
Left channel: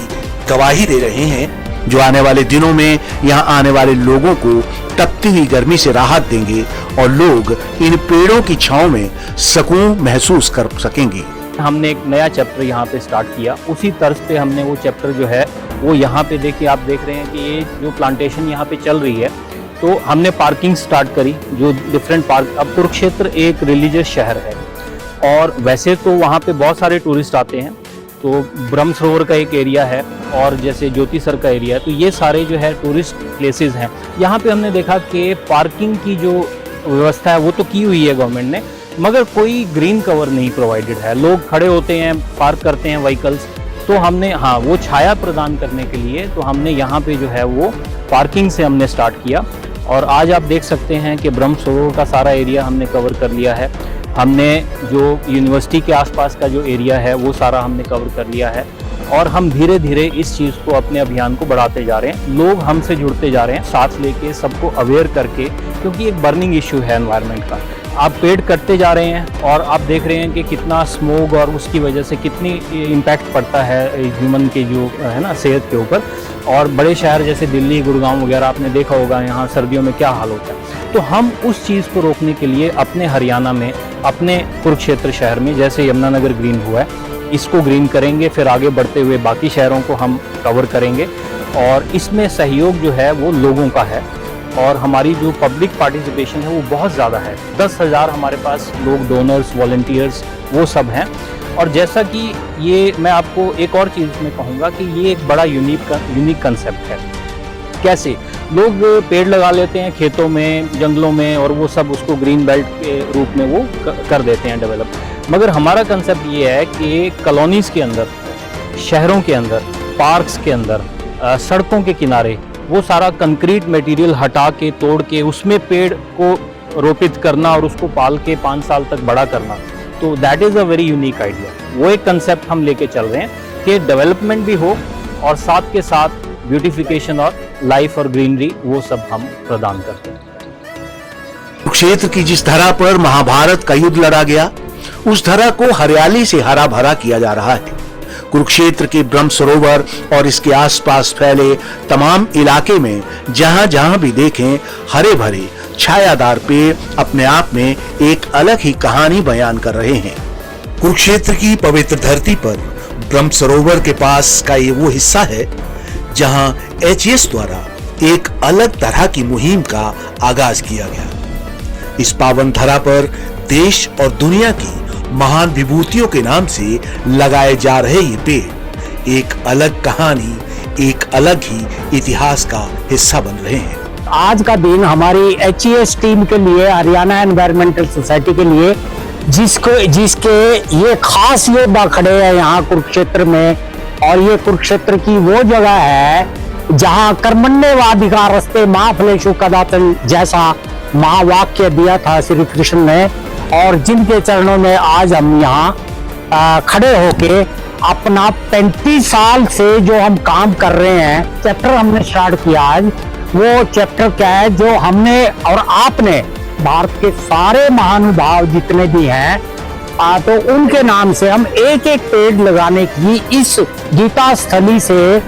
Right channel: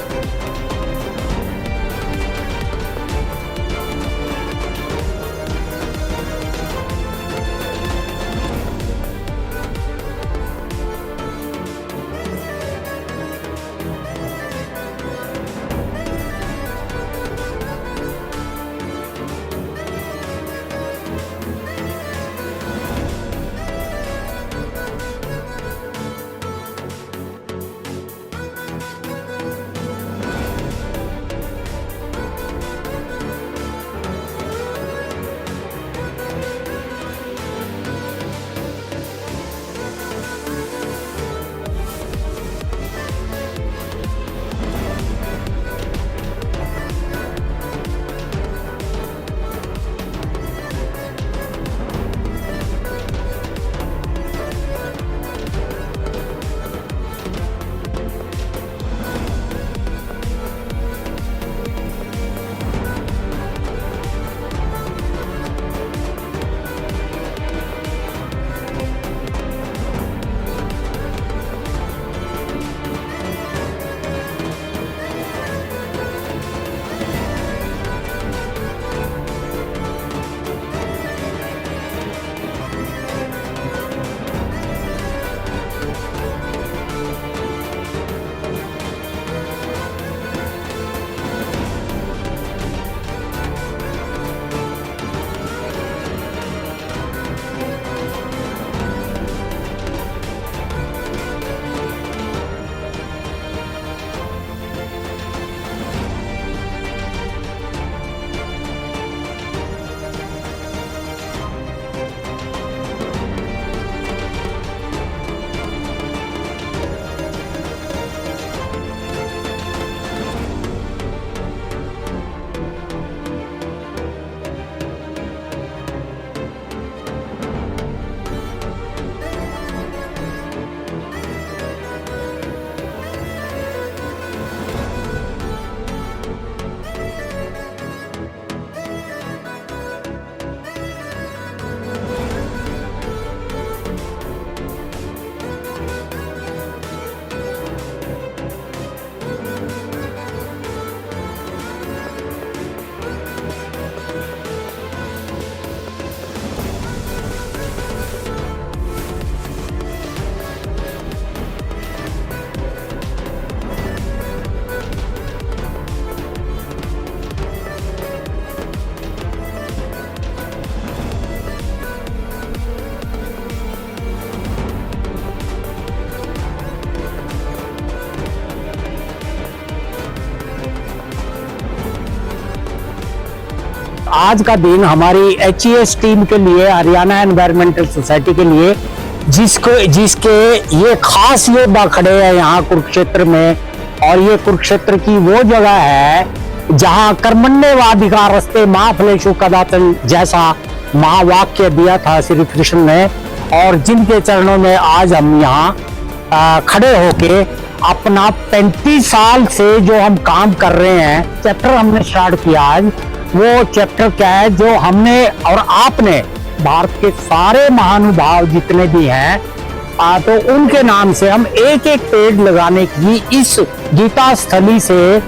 गवाही दे रहे हैं, जो आने वाले दिनों में यहाँ आने वाले लोगों को तपती हुई गर्मी से राहत देंगे और लोग इन पेड़ों की छांव में सुकून महसूस कर सकेंगे। हमने एक नया चैप्टर यहाँ पे स्टार्ट किया, उसी तर्ज पे हमने वो चैप्टर जो है वो यहाँ पे देखिए, आप देख रहे हैं कि ये जो प्लांटेशन यहाँ पे चल रही है, तो हमने पार्किंग स्टार्ट करी, जो डिफरेंट पार्क। अब कुरुक्षेत्र एक रिलीजियस शहर है और वैसे तो वहाँ पे बहुत सारे टूरिस्ट आते हैं, तो ब्रह्म सरोवर का एक एरिया है और जैसे ज्योतिसर का एरिया है, तो ये सारे जो है टूरिस्ट प्लेसेस हैं। यहाँ पे हमने देखा कि पार्किंग की जो व्यवस्था है वो तो की हुई है गवर्नमेंट ने, मगर कोई ग्रीन कवर नहीं प्रोवाइडेड है। लोग खड़े होते हैं, पार्क करते हैं व्हीकल्स, तो हमने वो छाया प्रदान करने के लिए तो हमने यहाँ पे जो है वो पार्किंग से हमने स्टार्ट किया। और आज आप देख सकते हैं कि ब्रह्म सरोवर का सारा एरिया हमने कवर कर लिया है। हमने जो यूनिवर्सिटी के आसपास का जो एरिया है वो सारा हमने कवर कर लिया है और हम धीरे धीरे इस चीज़ को, अपने अभियान को बढ़ाते जा रहे हैं। लोग हमसे जुड़ते जा रहे हैं, साथ लेके सबको अवेयर करके, क्योंकि एक बर्निंग इशू है एनवायरनमेंट का। आप पेड़ कटते जा रहे हैं और आप देख रहे हैं कि कितना स्मोक और उसकी वजह से कितनी इम्पैक्ट पड़ता है ह्यूमन के जो है ना सेहत के ऊपर। और बड़े शहर जैसे दिल्ली, गुड़गांव वगैरह आपने देखा होगा, यहाँ सर्दियों में क्या हाल होता है। तो हम उस चीज़ को रोकने के लिए अपने हरियाणा में, अपने कुरुक्षेत्र शहर में, जैसे यमुनानगर ग्रीन हुआ है, इसको ग्रीन करेंगे, फिर आगे बढ़ते हुए बाकी शहरों को हम कवर करेंगे। और इसमें सहयोग जो है वो लोगों का है और हमारी जो पब्लिक पार्टिसिपेशन है वो बहुत ज़्यादा है। 10,000 हमारे पास लोग, डोनर्स, वॉलंटियर्स, वो सब हैं। और जैसा कि ये मैं आपको एक और चीज़ में कहूँगा कि ये एक बड़ा यूनिक कंसेप्ट है। कैसे लोग पेड़ लगा लेते हैं खेतों में, जंगलों में, और वो सब उसको ग्रीन बेल्ट के रूप में वो कर देते हैं डेवलप। मगर हमारा कंसेप्ट ये है कि कॉलोनीज़ के अंदर, शहरों के अंदर, पार्क्स के अंदर, सड़कों के किनारे वो सारा कंक्रीट मटेरियल हटा के, तोड़ के, उसमें पेड़ को रोपित करना और उसको पाल के 5 साल तक बड़ा करना। तो that is a very unique idea. वो एक कंसेप्ट हम लेके चल रहे हैं कि डेवलपमेंट भी हो और साथ के साथ ब्यूटिफिकेशन और लाइफ और ग्रीनरी, वो सब हम प्रदान करते हैं। कुरुक्षेत्र की जिस धरा पर महाभारत का युद्ध लड़ा गया, उस धरा को हरियाली से हरा भरा किया जा रहा है। कुरुक्षेत्र के ब्रह्म सरोवर और इसके आसपास फैले तमाम इलाके में जहां जहां भी देखें, हरे भरे छायादार पेड़ अपने आप में एक अलग ही कहानी बयान कर रहे हैं। कुरुक्षेत्र की पवित्र धरती पर ब्रह्म सरोवर के पास का ये वो हिस्सा है जहां HES द्वारा एक अलग तरह की मुहिम का आगाज किया गया। इस पावन धरा पर देश और दुनिया की महान विभूतियों के नाम से लगाए जा रहे ये पेड़ एक अलग कहानी, एक अलग ही इतिहास का हिस्सा बन रहे हैं। आज का दिन हमारी HES टीम के लिए, हरियाणा एनवायरमेंटल सोसाइटी के लिए, जिसके ये खास योद्धा खड़े हैं यहाँ कुरुक्षेत्र में, और ये कुरुक्षेत्र की वो जगह है जहां कर्मण्येवाधिकार रस्ते मां फलेषु कदाचन जैसा महावाक्य दिया था श्री कृष्ण ने, और जिनके चरणों में आज हम यहाँ खड़े होके अपना 35 साल से जो हम काम कर रहे हैं, चैप्टर हमने स्टार्ट किया आज, वो चैप्टर क्या है जो हमने और आपने भारत के सारे महानुभाव जितने भी हैं तो उनके नाम से हम एक एक पेड़ लगाने की इस गीता स्थली से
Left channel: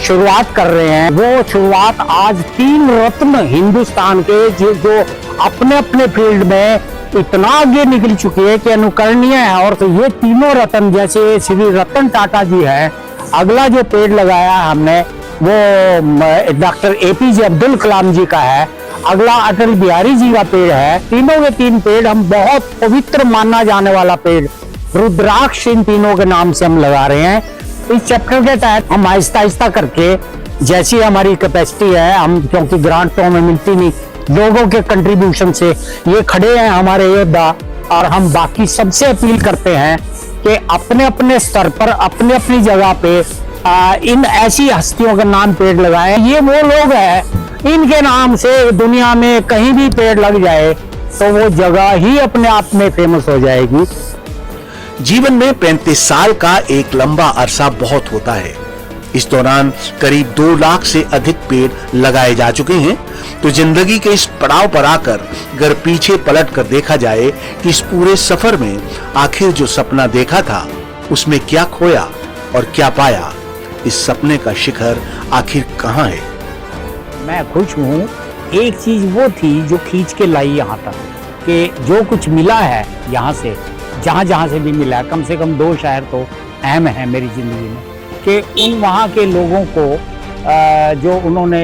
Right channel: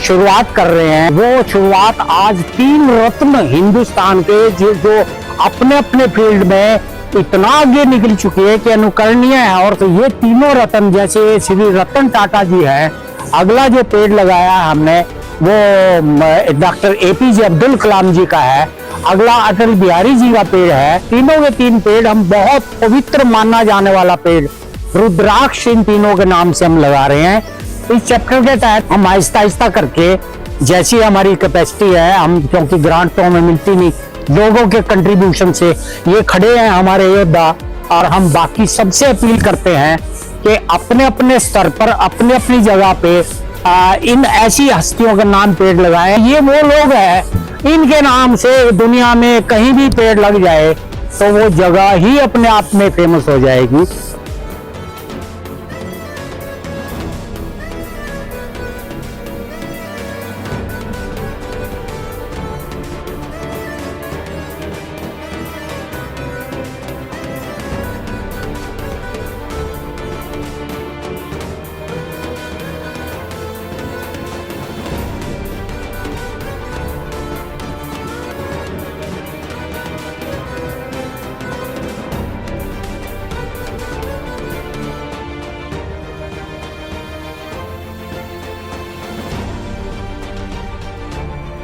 शुरुआत कर रहे हैं। वो शुरुआत आज 3 रत्न हिंदुस्तान के जो अपने अपने फील्ड में इतना आगे निकल चुकी है कि अनुकरणीय है। और तो ये तीनों रत्न जैसे श्री रतन टाटा जी है, अगला जो पेड़ लगाया हमने वो डॉक्टर APJ अब्दुल कलाम जी का है, अगला अटल बिहारी जी का पेड़ है। तीनों के 3 पेड़ हम बहुत पवित्र माना जाने वाला पेड़ रुद्राक्ष इन तीनों के नाम से हम लगा रहे हैं। इस चैप्टर के तहत हम आहिस्ता आहिस्ता करके जैसी हमारी कैपेसिटी है, हम क्योंकि ग्रांट तो हमें मिलती नहीं, लोगों के कंट्रीब्यूशन से ये खड़े हैं हमारे योद्धा, और हम बाकी सबसे अपील करते हैं कि अपने अपने स्तर पर अपनी अपनी जगह पे इन ऐसी हस्तियों के नाम पेड़ लगाएं। ये वो लोग हैं, इनके नाम से दुनिया में कहीं भी पेड़ लग जाए तो वो जगह ही अपने आप में फेमस हो जाएगी। जीवन में 35 साल का एक लंबा अरसा बहुत होता है। इस दौरान करीब 2 लाख से अधिक पेड़ लगाए जा चुके हैं। तो जिंदगी के इस पड़ाव पर आकर अगर पीछे पलट कर देखा जाए कि इस पूरे सफर में आखिर जो सपना देखा था उसमें क्या खोया और क्या पाया, इस सपने का शिखर आखिर कहाँ है? मैं खुश हूँ। एक चीज वो थी जो खींच के लाई यहाँ तक, कि जो कुछ मिला है यहाँ से, जहाँ से भी मिला, कम से कम 2 शहर तो अहम है मेरी जिंदगी में, कि उन वहाँ के लोगों को जो उन्होंने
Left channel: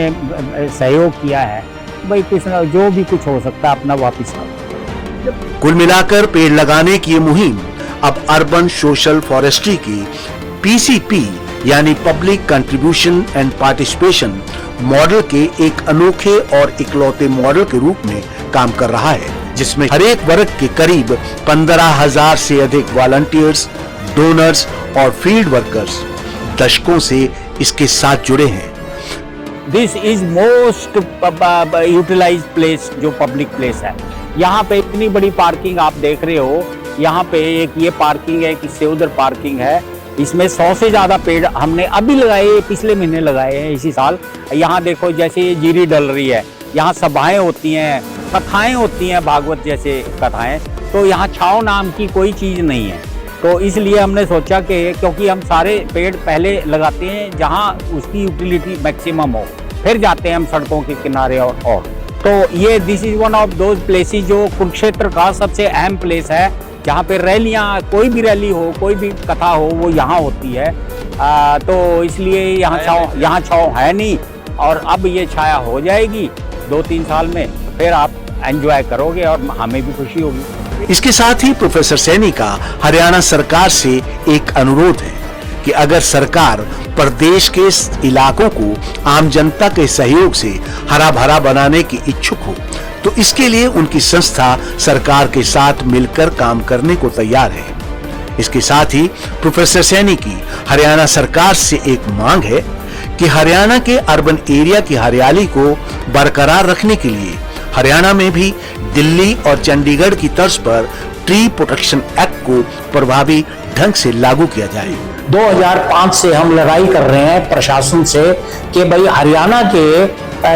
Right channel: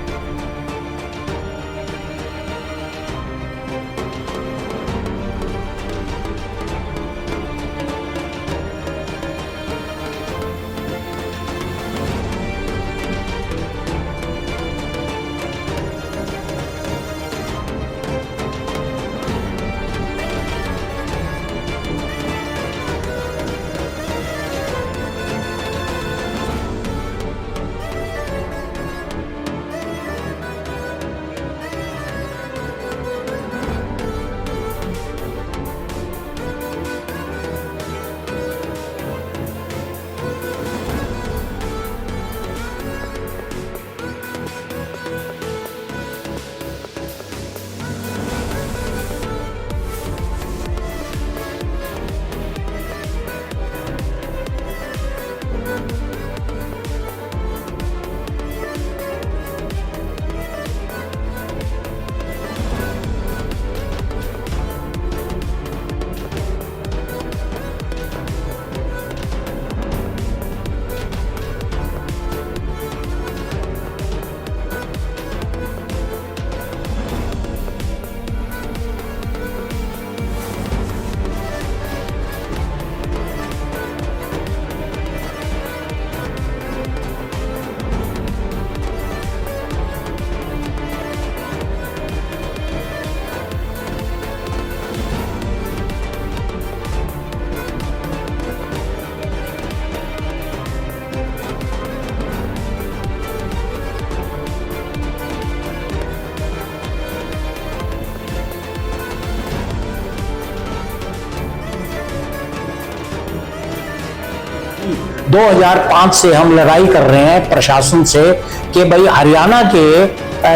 सहयोग किया है, भाई कुछ जो भी कुछ हो सकता है अपना वापिस करो। कुल मिलाकर पेड़ लगाने की ये मुहिम अब अर्बन सोशल फॉरेस्ट्री की PCP यानी public contribution and participation model के एक अनोखे और इकलौते मॉडल के रूप में काम कर रहा है, जिसमें हर एक वर्ग के करीब 15,000 से अधिक वॉलंटियर्स, डोनर्स और फील्ड वर्कर्स दशकों से इसके साथ जुड़े हैं। This is most utilised place, जो पब्लिक प्लेस है। यहाँ पे इतनी बड़ी पार्किंग आप देख रहे हो, यहाँ पे एक ये पार्किंग है, एक इससे उधर पार्किंग है। इसमें 100 से ज्यादा पेड़ हमने अभी लगाए, पिछले महीने लगाए हैं इसी साल। यहाँ देखो जैसे ये जीरी डल रही है, यहाँ सभाएं होती हैं, कथाएं होती हैं, भागवत जैसे कथाएं, तो यहाँ छाव नाम की कोई चीज़ नहीं है। तो इसलिए हमने सोचा कि क्योंकि हम सारे पेड़ पहले लगाते हैं जहाँ उसकी यूटिलिटी मैक्सिमम हो, फिर जाते हैं हम सड़कों के किनारे और तो ये this is one of those places जो कुरुक्षेत्र का सबसे अहम प्लेस है, जहाँ पे रैलियाँ, कोई भी रैली हो, कोई भी कथा हो, वो यहाँ होती है। तो इसलिए यहाँ छाँव है नहीं, और अब ये छाया हो जाएगी 2-3 साल में, फिर आप एंजॉय करोगे और हमें भी खुशी होगी। इसके साथ ही प्रोफेसर सैनी का हरियाणा सरकार से एक अनुरोध है कि अगर सरकार प्रदेश के इलाकों को आम जनता के सहयोग से हरा भरा बनाने की इच्छुक हो तो इसके लिए उनकी संस्था सरकार के साथ मिलकर काम करने को तैयार है। इसके साथ ही प्रोफेसर सैनी की हरियाणा सरकार से एक मांग है कि हरियाणा के अर्बन एरिया की हरियाली को बरकरार रखने के लिए हरियाणा में भी दिल्ली और चंडीगढ़ की तर्ज पर ट्री प्रोटेक्शन एक्ट को प्रभावी ढंग से लागू किया जाए। 2005 से हम लड़ाई कर रहे हैं प्रशासन से कि भाई हरियाणा के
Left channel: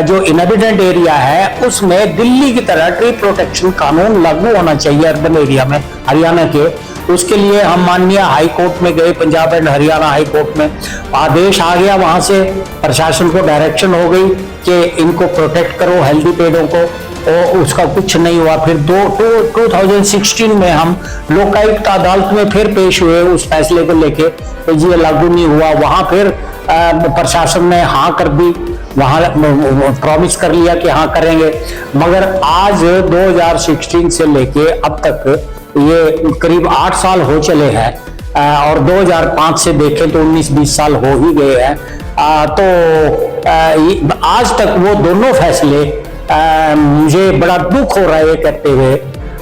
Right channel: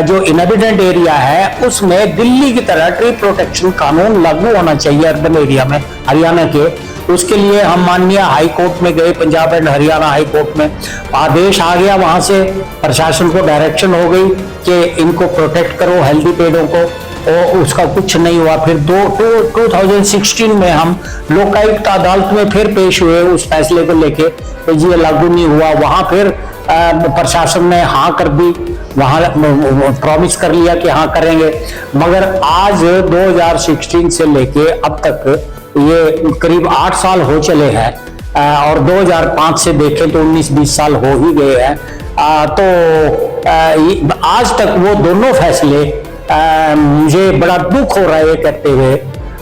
जो इनहेबिटेड एरिया है उसमें दिल्ली की तरह ट्री प्रोटेक्शन कानून लागू होना चाहिए अर्बन एरिया में हरियाणा के। उसके लिए हम माननीय हाई कोर्ट में गए, Punjab and Haryana high court में आदेश आ गया, वहां से प्रशासन को डायरेक्शन हो गई कि इनको प्रोटेक्ट करो हेल्दी पेड़ों को, और उसका कुछ नहीं हुआ। फिर 2016 में हम लोकायुक्त अदालत में फिर पेश हुए उस फैसले को लेके, तो ये लागू नहीं हुआ। वहां फिर प्रशासन ने हाँ कर दी, वहां प्रॉमिस कर लिया कि हाँ करेंगे, मगर आज 2016 से लेके अब तक ये करीब 8 साल हो चले हैं, और 2005 से देखें तो 19-20 साल हो ही गए हैं। तो आज तक वो दोनों फैसले मुझे बड़ा दुख हो रहा है ये कहते हुए,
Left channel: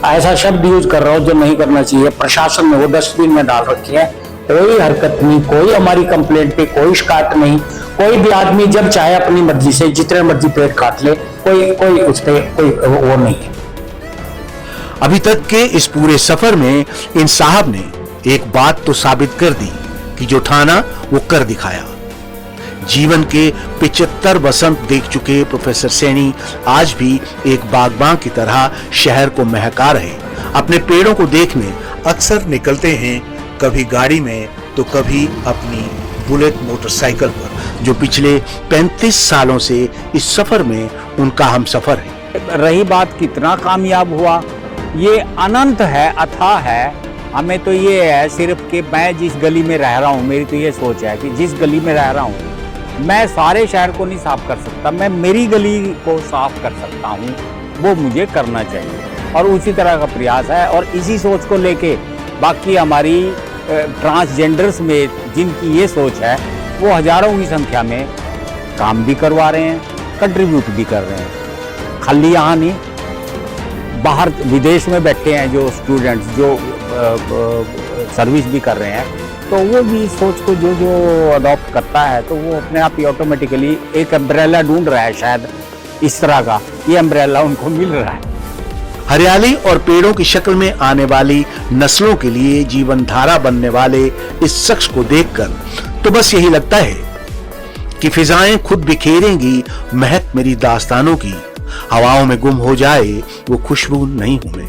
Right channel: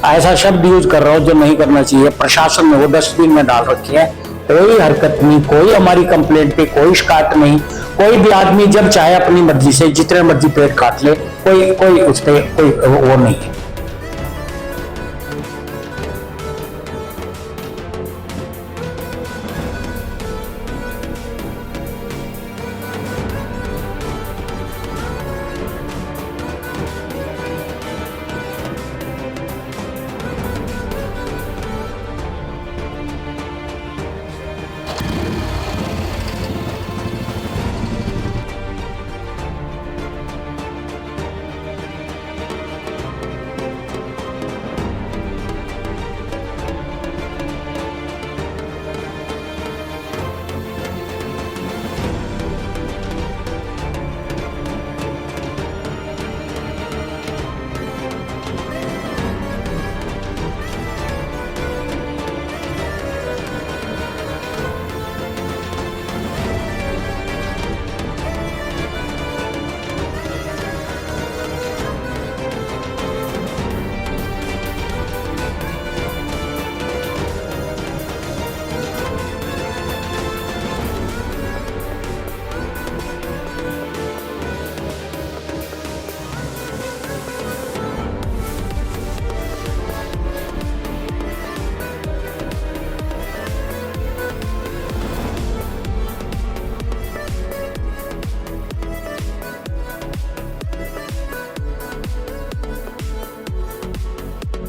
ऐसा शब्द यूज कर रहा हूँ जो नहीं करना चाहिए। प्रशासन ने वो डस्टबिन में डाल रखे हैं, कोई हरकत नहीं, कोई हमारी कंप्लेंट पे कोई शिकायत नहीं। कोई भी आदमी जब चाहे अपनी मर्जी से जितने मर्जी पेड़ काट ले, कोई उस पर कोई वो नहीं है। अभी तक के इस पूरे सफर में इन साहब ने एक बात तो साबित कर दी कि जो ठाना वो कर दिखाया। जीवन के 75 वसंत देख चुके प्रोफेसर सैनी आज भी एक बागबान की तरह शहर को महका रहे। अपने पेड़ों को देखने अक्सर निकलते हैं, कभी गाड़ी में तो कभी अपनी बुलेट मोटरसाइकिल पर, जो पिछले 35 सालों से इस सफर में उनका हम सफर है। रही बात कितना कामयाब हुआ, ये अनंत है, अथाह है। हमें तो ये है सिर्फ कि मैं जिस गली में रह रहा हूँ, मेरी तो ये सोच है कि जिस गली में रह रहा हूँ मैं सारे शहर को नहीं साफ कर सकता, मैं मेरी गली को साफ कर सकता हूँ, वो मुझे करना चाहिए। और उसी तरह का प्रयास है और इसी सोच को लेके बाकी हमारी ट्रांसजेंडर्स में जिनकी ये सोच है वो हजारों की संख्या में काम भी करवा रहे हैं, कंट्रीब्यूट भी कर रहे हैं। खाली यहाँ नहीं, बाहर विदेश में बैठे हैं जो स्टूडेंट्स जो सर्विस भी कर रहे हैं, तो वो भी सोच को जो अडॉप्ट करता है तो वो अपने आप ही ऑटोमेटिकली एक अम्ब्रेला ढूंढ रहा है, शायद इस तरह का ये अम्ब्रेला उनको मिल रहा है। हरियाली और पेड़ों की शक्ल में आने वाली नस्लों के लिए जीवन धारा बनने वाले इस शख्स को देखकर तो बस यही लगता है कि फिजाएं खुद बिखेरेंगी महक मेरी दास्तानों की, हवाओं में गुम हो जाए वो खुशबू नहीं होने।